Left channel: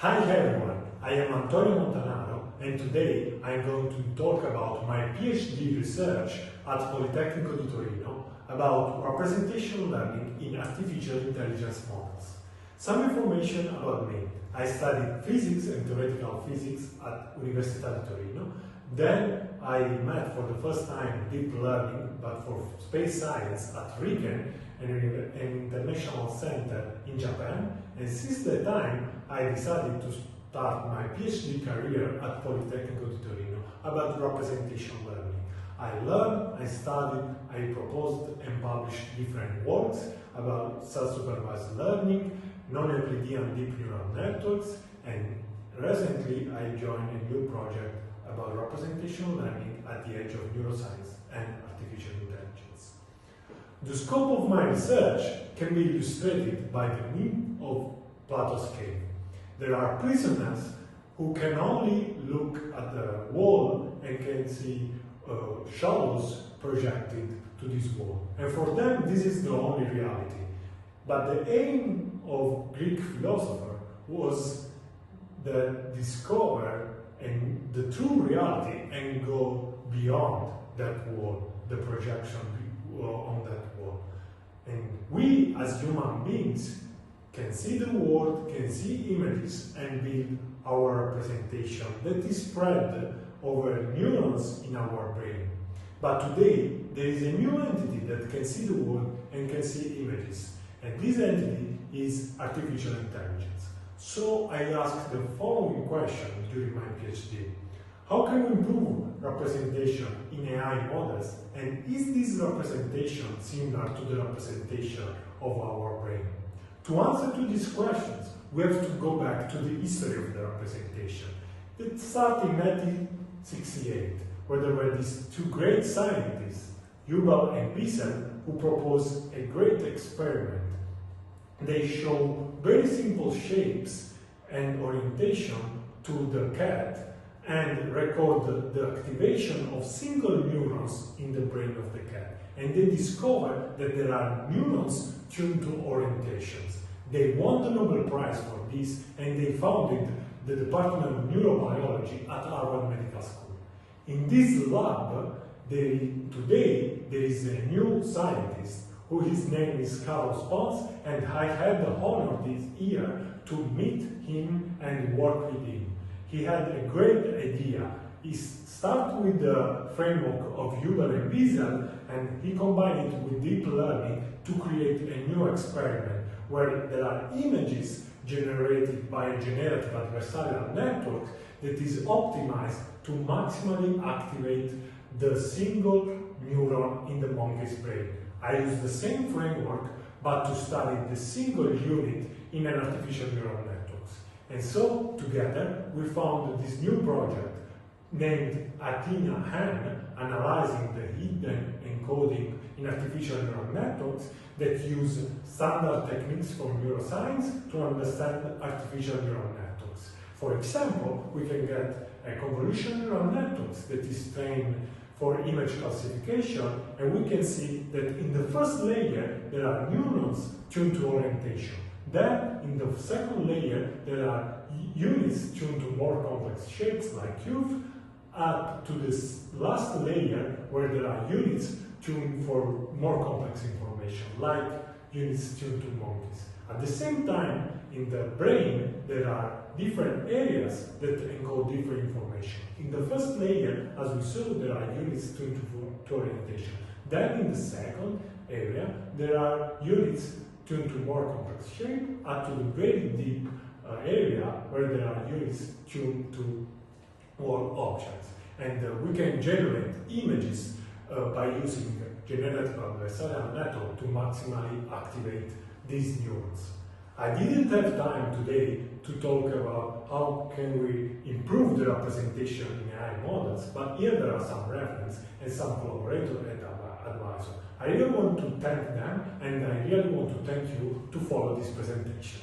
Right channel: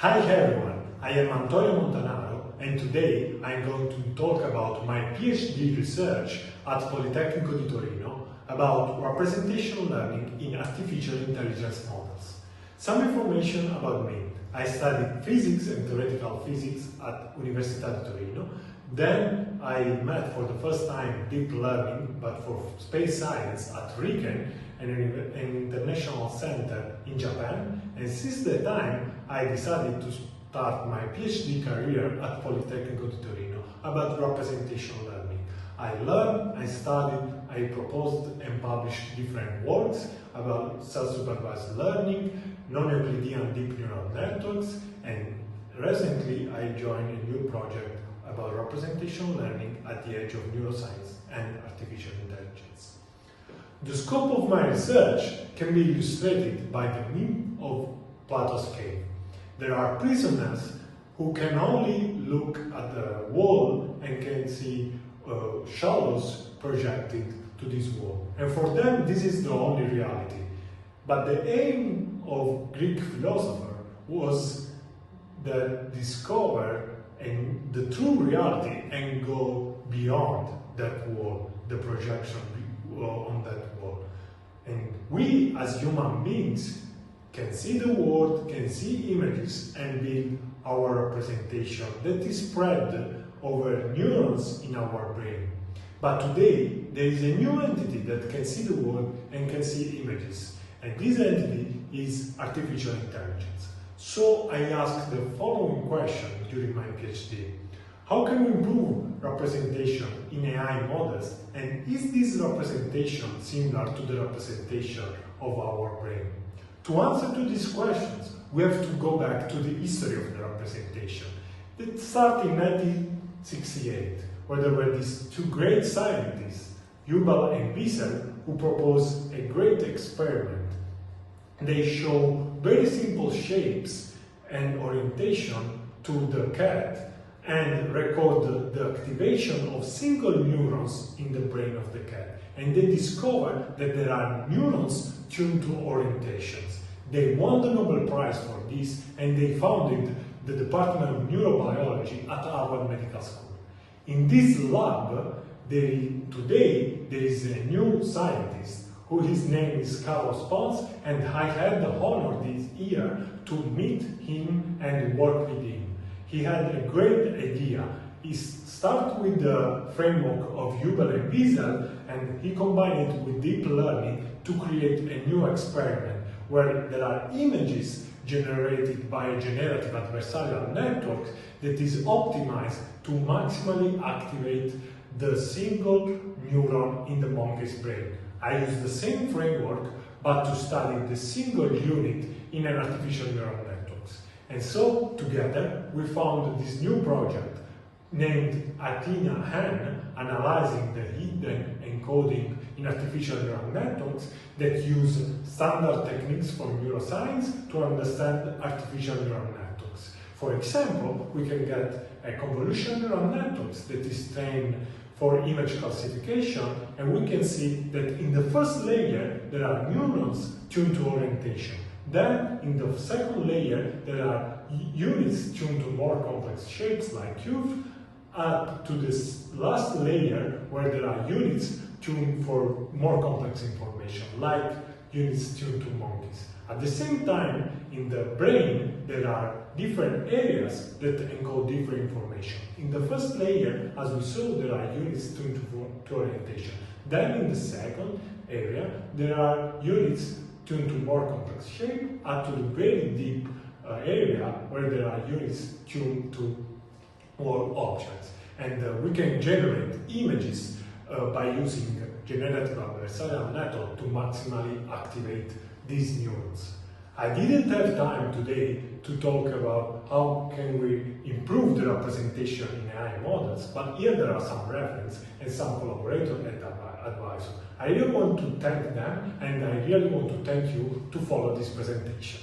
Hi everyone, I am Montanaro and today I am going to talk about my PhD research at Politecnico di Torino about representational learning in artificial intelligence models. Some information about me. I studied physics and theoretical physics at Università di Torino. Then I met for the first time deep learning, but for space science at RIKEN, an international center in Japan. And since that time, I decided to start my PhD career at Politecnico di Torino about representational learning. I learned, I studied, I proposed and published different works about self-supervised learning, non-Euclidean deep neural networks, and recently I joined a new project about representational learning at the edge of neuroscience and artificial intelligence. The scope of my research can be illustrated by the meme of Plato's cave. There are prisoners who can only look at the wall and can see shadows projected to this wall. And for them, this is the only reality. But the aim of Greek philosopher was to discover and the true reality and go beyond that wall, the projection on that wall. And we as human beings can see the world, can see images and build our representation that is spread over neurons in our brain. But today there is a new entity that can see the world and can see images. And this entity is artificial intelligence. So I asked the following question during my PhD. How can we improve representation in AI models, and is this representation similar to the representation of our brain? To answer to these questions, we have to go back to the history of the representation. It started in 1968, where there were these two great scientists, Yuval and Wiesel, who proposed a great experiment. They show very simple shapes and orientation to the cat and record the activation of single neurons in the brain of the cat. And they discovered that there are neurons tuned to orientations. They won the Nobel Prize for this, and they founded the Department of Neurobiology at Harvard Medical School. In this lab, today there is a new scientist his name is Carlos Pons, and I had the honor this year to meet him and work with him. He had a great idea. He started with the framework of Yuval and Wiesel, and he combined it with deep learning to create a new experiment where there are images generated by a generative adversarial network that is optimized to maximally activate the single neuron in the monkey's brain. I use the same framework, but to study the single unit in an artificial neural networks. And so, together, we found this new project named Athena-Han, analyzing the hidden encoding in artificial neural networks that use standard techniques from neuroscience to understand artificial neural networks. For example, we can get a convolutional neural networks that is trained for image classification, and we can see that in the first layer there are neurons tuned to orientation. Then in the second layer there are units tuned to more complex shapes like cubes, up to this last layer where there are units tuned for more complex information like units tuned to monkeys. At the same time, in the brain, there are different areas that encode different information. In the first layer, as we saw, there are units tuned to orientation. Then in the second area, there are units tuned to more complex shape, up to the very deep area where there are units tuned to all objects. And we can generate images by using generative adversarial network to maximally activate these neurons. I didn't have time today to talk about how can we improve the representation in AI models, but here there are some references and some collaborators and advisors. I really want to thank them, and I really want to thank you to follow this presentation.